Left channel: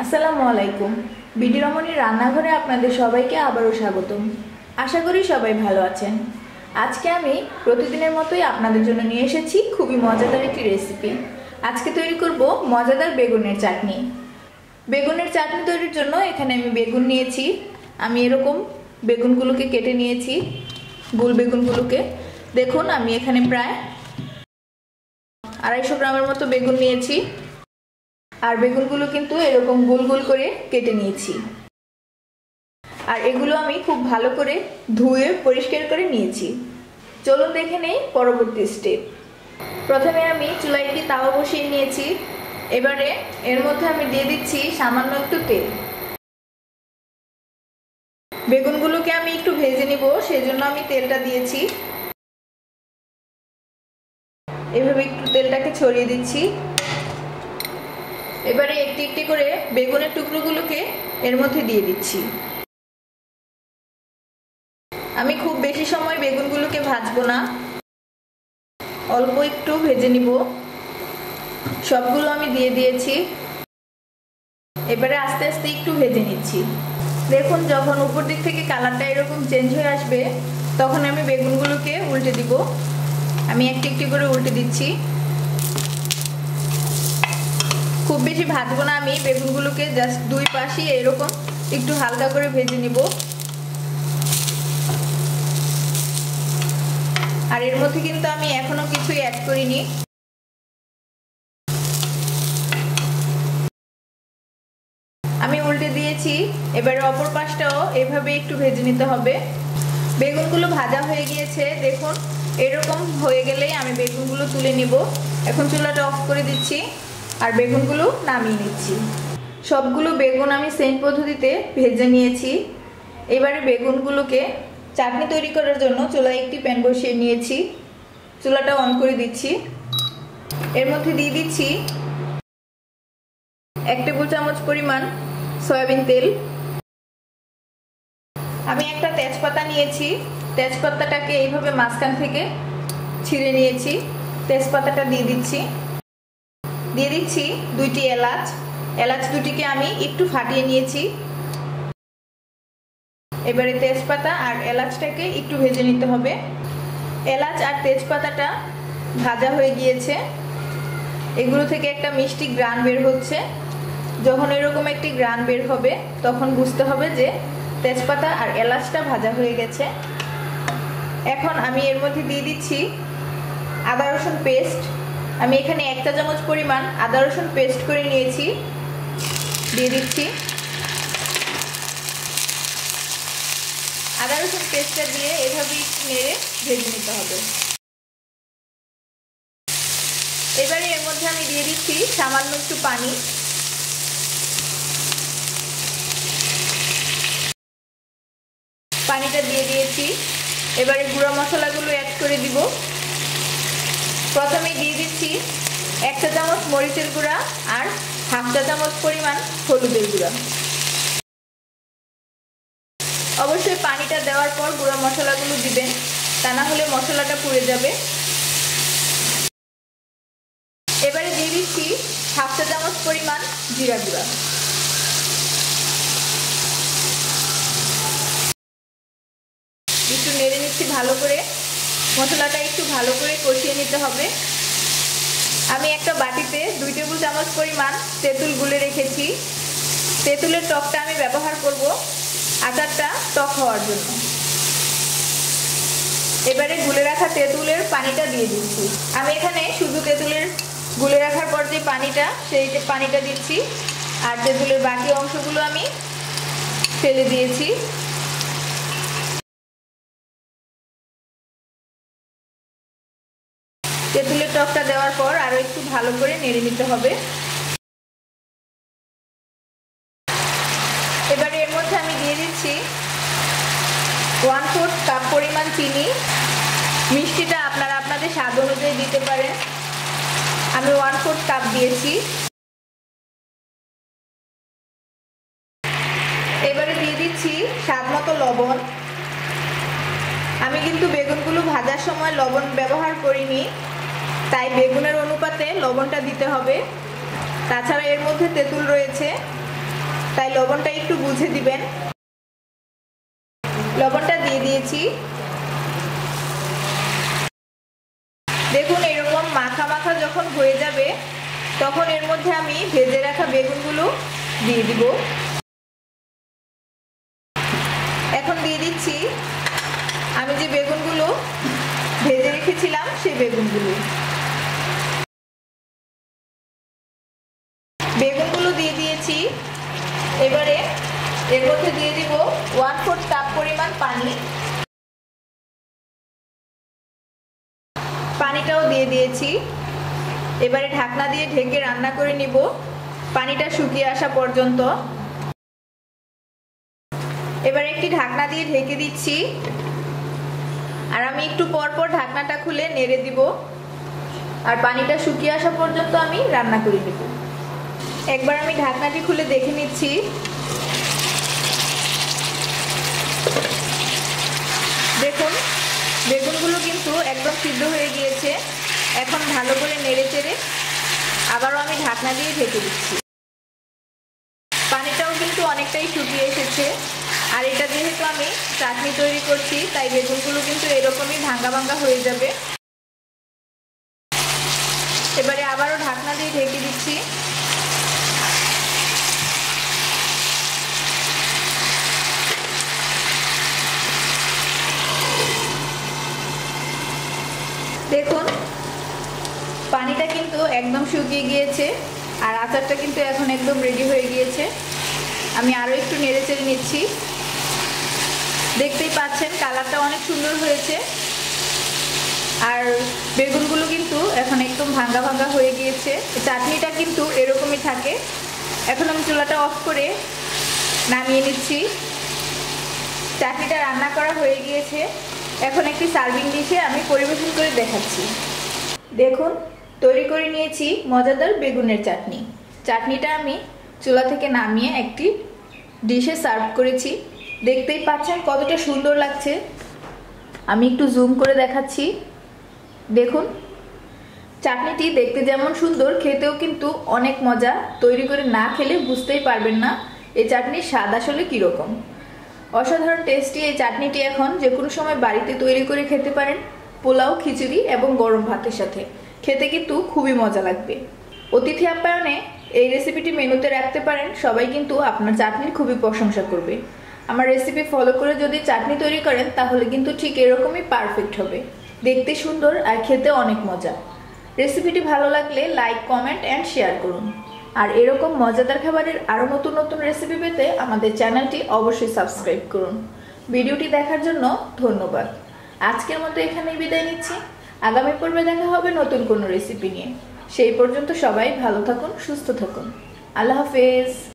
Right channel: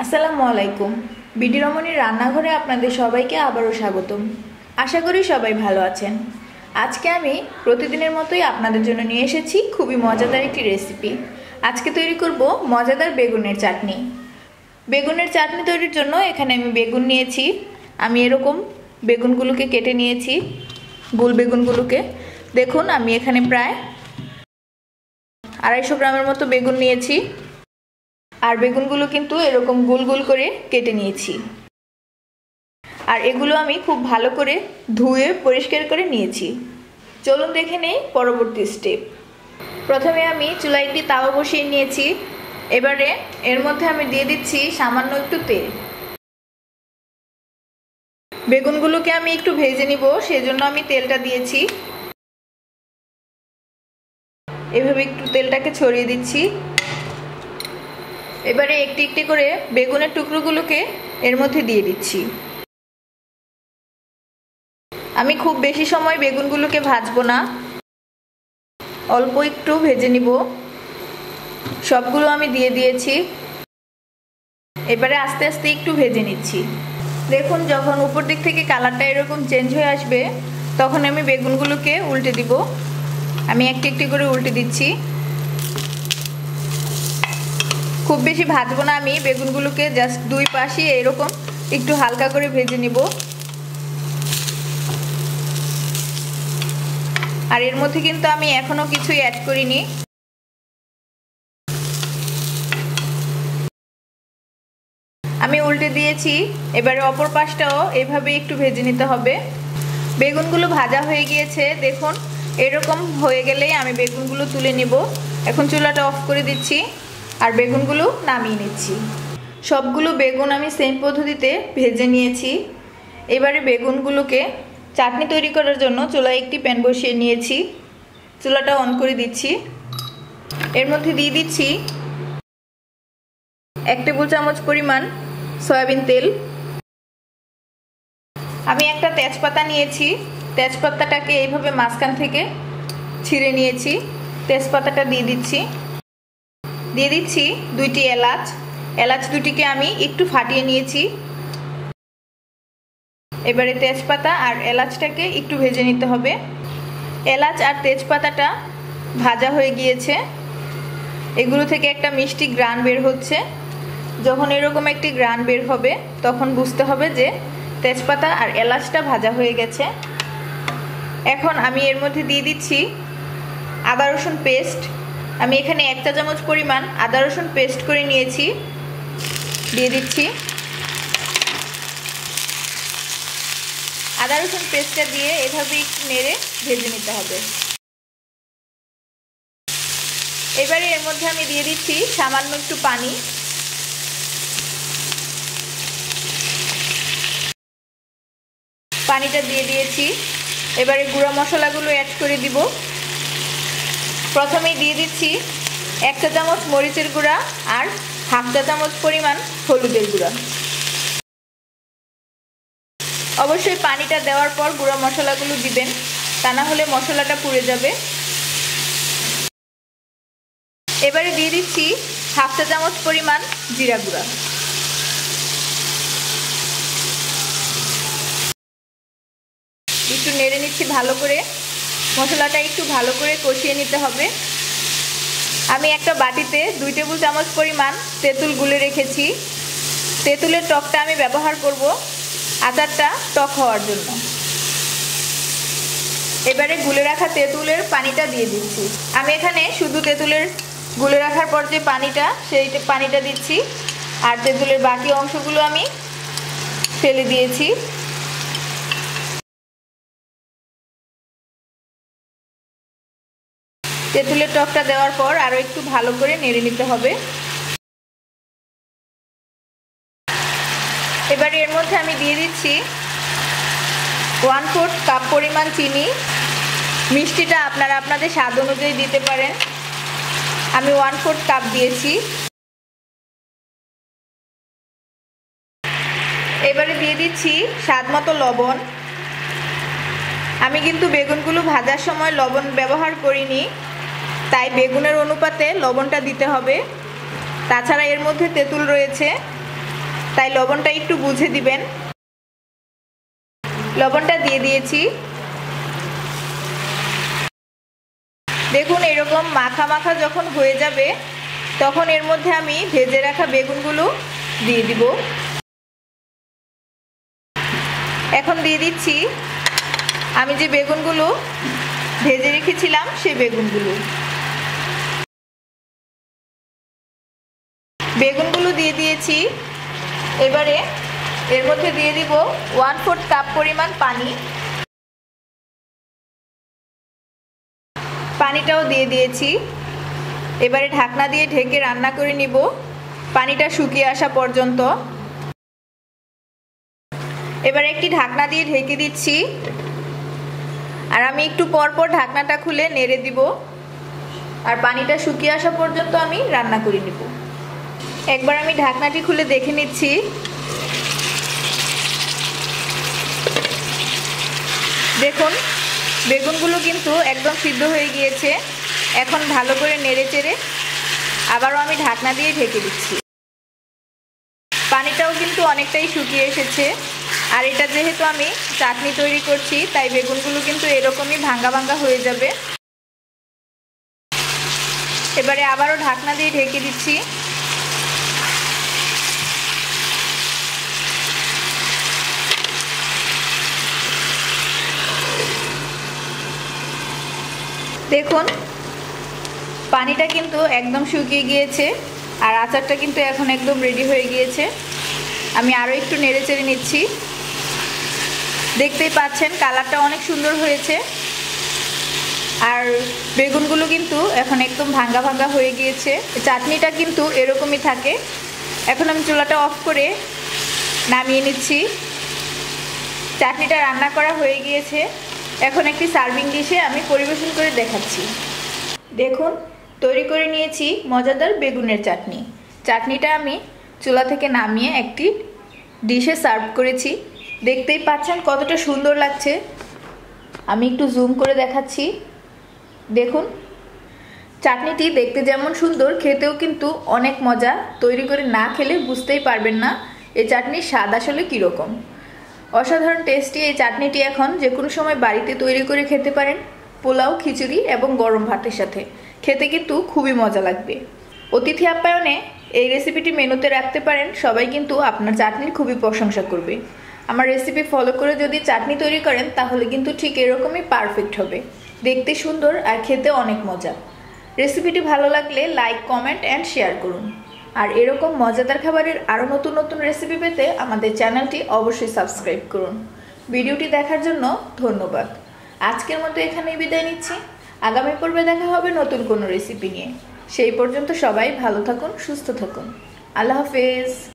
আসসালামু আলাইকুম। বিডি রমণীর রান্নাঘরে আপনাদের সবাইকে আবারও স্বাগতম। আশা করি সবাই ভালো আছেন। আজকে আমি প্রতিদিনের মতোই আপনাদের জন্য নিয়ে এসেছি খুবই মজাদার একটি রেসিপি। আজকে তৈরি করব মজাদার বেগুনের চাটনি। বেগুনের চাটনি তৈরির জন্য এখানে আমি বেগুন নিয়েছি। আমি এরকম বেগুনগুলোকে কেটে নিয়েছি, গোল বেগুনগুলোকে। দেখুন, আমি এখানে প্রায় 250 গ্রামের মতো বেগুন নিয়েছি। আর বেগুনগুলো কিন্তু এরকম গোল গোল করে কেটে নিয়েছি। আর এগুলো আমি খুব ভালো করে ধুয়ে পরিষ্কার করে নিয়েছি। চলুন দেখে নেই পরবর্তী স্টেপ। প্রথমে আমি চুলায় একটি তাওয়া বসিয়ে নিয়েছি। এবারে এর মধ্যে আমি দিয়ে দিচ্ছি সামান্য একটু তেল। বেগুনগুলোকে আমি একটু ভেজে নিব, সেজন্য আমি তেলটা দিয়েছি। এভাবে একটু তেলটাকে ছড়িয়ে দিচ্ছি। এবারে একটি একটি করে বেগুনের টুকরোগুলোকে এর মধ্যে দিয়ে দিচ্ছি। আমি খুব বেশি সময় বেগুনগুলোকে ভাজবো না, অল্প একটু ভেজে নিব। সবগুলো আমি দিয়ে দিয়েছি। এবারে আস্তে আস্তে একটু ভেজে নিচ্ছি। দেখুন, যখন উপর দিক থেকে কালারটা এরকম চেঞ্জ হয়ে আসবে, তখন আমি বেগুনগুলোকে উল্টে দিব। আমি একটি একটি করে উল্টে দিচ্ছি। খুব বেশি ভাজবো না, আমি বেগুনগুলোকে জাস্ট দুই পাশে এরকম একটু হালকা করে ভেজে নিব। আর এর মধ্যে কিন্তু আমি এখনো কিছুই অ্যাড করিনি। আমি উল্টে দিয়েছি। এবারে অপর পাশটাও এভাবে একটু ভেজে নিতে হবে। বেগুনগুলো ভাজা হয়ে গিয়েছে। দেখুন, এরকম হয়ে গেলেই আমি বেগুনগুলো তুলে নিব। এখন চুলাটা অফ করে দিচ্ছি আর বেগুনগুলো নামিয়ে নিচ্ছি। সবগুলো বেগুন আমি সেম পদ্ধতিতে ভেজে নিয়েছি। এবারে বেগুনগুলোকে চাটনি তৈরি করার জন্য চুলায় একটি প্যান বসিয়ে নিয়েছি। চুলাটা অন করে দিচ্ছি। এর মধ্যে দিয়ে দিচ্ছি 1 টেবিল চামচ পরিমাণ সয়াবিন তেল। আমি একটা তেজপাতা নিয়েছি। তেজপাতাটাকে এইভাবে মাঝখান থেকে ছিঁড়ে নিয়েছি। তেজপাতাটা দিয়ে দিচ্ছি। দিয়ে দিচ্ছি 2টি এলাচ। এলাচ দুটিকে আমি একটু ফাটিয়ে নিয়েছি। এবারে তেজপাতা আর এলাচটাকে একটু ভেজে নিতে হবে। এলাচ আর তেজপাতাটা ভাজা হয়ে গিয়েছে। এগুলো থেকে একটা মিষ্টি ঘ্রাণ বের হচ্ছে। যখন এরকম একটি ঘ্রাণ বের হবে, তখন বুঝতে হবে যে তেজপাতা আর এলাচটা ভাজা হয়ে গেছে। এখন আমি এর মধ্যে দিয়ে দিচ্ছি আদা রসুন পেস্ট। আমি এখানে 1 চা চামচ পরিমাণ আদা রসুন পেস্ট করে নিয়েছি, দিয়ে দিচ্ছি। আদা রসুন পেস্টটা দিয়ে এভাবে একটু নেড়ে ভেজে নিতে হবে। এবারে এর মধ্যে আমি দিয়ে দিচ্ছি সামান্য একটু পানি। পানিটা দিয়ে দিয়েছি। এবারে গুঁড়া মশলাগুলো অ্যাড করে দিব। প্রথমেই দিয়ে দিচ্ছি 1 চা চামচ মরিচের গুঁড়া আর 1/2 চা চামচ পরিমাণ হলুদের গুঁড়া। অবশ্যই পানিটা দেওয়ার পর গুঁড়া মশলাগুলো দিবেন, তা না হলে মশলাটা পুড়ে যাবে। এবারে দিয়ে দিচ্ছি 1/2 চা চামচ পরিমাণ জিরা গুঁড়া। একটু নেড়ে নিচ্ছি ভালো করে। মশলাটা একটু ভালো করে কষিয়ে নিতে হবে। আমি একটা বাটিতে 2 টেবিল চামচ পরিমাণ তেঁতুল গুলে রেখেছি। তেঁতুলের টকটা আমি ব্যবহার করব আচারটা টক হওয়ার জন্য। এবারে গুলে রাখা তেঁতুলের পানিটা দিয়ে দিচ্ছি। আমি এখানে শুধু তেঁতুলের গুলে রাখার পর যে পানিটা, সেই পানিটা দিচ্ছি। আর তেঁতুলের বাকি অংশগুলো আমি ফেলে দিয়েছি। তেঁতুলের টকটা দেওয়ার পর আরও একটু ভালো করে নেড়ে নিতে হবে। এবারে এর মধ্যে আমি দিয়ে দিচ্ছি 1/4 কাপ পরিমাণ চিনি। মিষ্টিটা আপনারা আপনাদের স্বাদ অনুযায়ী দিতে পারেন। আমি 1/4 কাপ দিয়েছি। এবারে দিয়ে দিচ্ছি স্বাদ মতো লবণ। আমি কিন্তু বেগুনগুলো ভাজার সময় লবণ ব্যবহার করিনি, তাই বেগুনের অনুপাতে লবণটা দিতে হবে। তাছাড়া এর মধ্যে তেঁতুল রয়েছে, তাই লবণটা একটু বুঝে দিবেন। লবণটা দিয়ে দিয়েছি। দেখুন এরকম মাখা মাখা যখন হয়ে যাবে তখন এর মধ্যে আমি ভেজে রাখা বেগুনগুলো দিয়ে দিব। এখন দিয়ে দিচ্ছি আমি যে বেগুনগুলো ভেজে রেখেছিলাম সেই বেগুনগুলো। বেগুনগুলো দিয়ে দিয়েছি। এবারে এর মধ্যে দিয়ে দিব 1/4 কাপ পরিমাণ পানি। পানিটাও দিয়ে দিয়েছি। এবারে ঢাকনা দিয়ে ঢেকে রান্না করে নিব পানিটা শুকিয়ে আসা পর্যন্ত। এবারে একটি ঢাকনা দিয়ে ঢেকে দিচ্ছি আর আমি একটু পর পর ঢাকনাটা খুলে নেড়ে দিব আর পানিটা শুকিয়ে আসা পর্যন্ত আমি রান্না করে নিব। একবার আমি ঢাকনাটি খুলে দেখে নিচ্ছি। দেখুন বেগুনগুলো কিন্তু একদম সিদ্ধ হয়ে গিয়েছে। এখন ভালো করে নেড়ে চেড়ে আবারও আমি ঢাকনা দিয়ে ঢেকে দিচ্ছি। পানিটাও কিন্তু অনেকটাই শুকিয়ে এসেছে আর এটা যেহেতু আমি চাটনি তৈরি করছি তাই বেগুনগুলো কিন্তু এরকমই ভাঙ্গা ভাঙ্গা হয়ে যাবে। এবারে আবারও ঢাকনা দিয়ে ঢেকে দিচ্ছি। দেখুন পানিটা কিন্তু একদম শুকিয়ে গিয়েছে আর আচারটা কিন্তু এখন একদম রেডি হয়ে গিয়েছে। আমি আরও একটু নেড়ে চেড়ে নিচ্ছি। দেখতেই পাচ্ছেন কালারটা অনেক সুন্দর হয়েছে আর বেগুনগুলো কিন্তু এখন একদম ভাঙ্গা ভাঙ্গা হয়ে গিয়েছে। চাটনিটা কিন্তু এরকমই থাকে। এখন আমি চুলাটা অফ করে নামিয়ে নিচ্ছি। চাটনিটা রান্না করা হয়ে গিয়েছে। এখন একটি সার্ভিং ডিশে আমি পরিবেশন করে দেখাচ্ছি। দেখুন তৈরি করে নিয়েছি মজাদার বেগুনের চাটনি। চাটনিটা আমি চুলা থেকে নামিয়ে একটি ডিশে সার্ভ করেছি। দেখতেই পাচ্ছেন কতটা সুন্দর লাগছে। আমি একটু জুম করে দেখাচ্ছি। দেখুন চাটনিটি দেখতে যেমন সুন্দর খেতেও কিন্তু অনেক মজা। তৈরি করে না খেলে বুঝতেই পারবেন না এই চাটনির স্বাদ আসলে কীরকম। অসাধারণ টেস্টি এই চাটনিটি এখন যে কোনো সময় বাড়িতে তৈরি করে খেতে পারেন পোলাও, খিচুড়ি এবং গরম ভাতের সাথে। খেতে কিন্তু খুবই মজা লাগবে। অতিথি আপ্যায়নে এই রেসিপিটি মেনুতে রাখতে পারেন। সবাই কিন্তু আপনার চাটনির খুবই প্রশংসা করবে। আমার রেসিপি ফলো করে যদি চাটনি তৈরি করেন তাহলে কিন্তু ঠিক এরকমই পারফেক্ট হবে। দেখতে সুন্দর আর খেতে অনেক মজা। রেসিপিটি ভালো লাগলে লাইক, কমেন্ট অ্যান্ড শেয়ার করুন। আর এরকম মজাদার খাবারের আরও নতুন নতুন রেসিপি পেতে আমাদের চ্যানেলটি অবশ্যই সাবস্ক্রাইব করুন। ভিডিওটি দেখার জন্য ধন্যবাদ। আজকের মতো এখানেই বিদায় নিচ্ছি। আগামী পর্বে দেখা হবে নতুন কোনো রেসিপি নিয়ে। সেই পর্যন্ত সবাই ভালো থাকুন, সুস্থ থাকুন। আল্লাহ হাফেজ।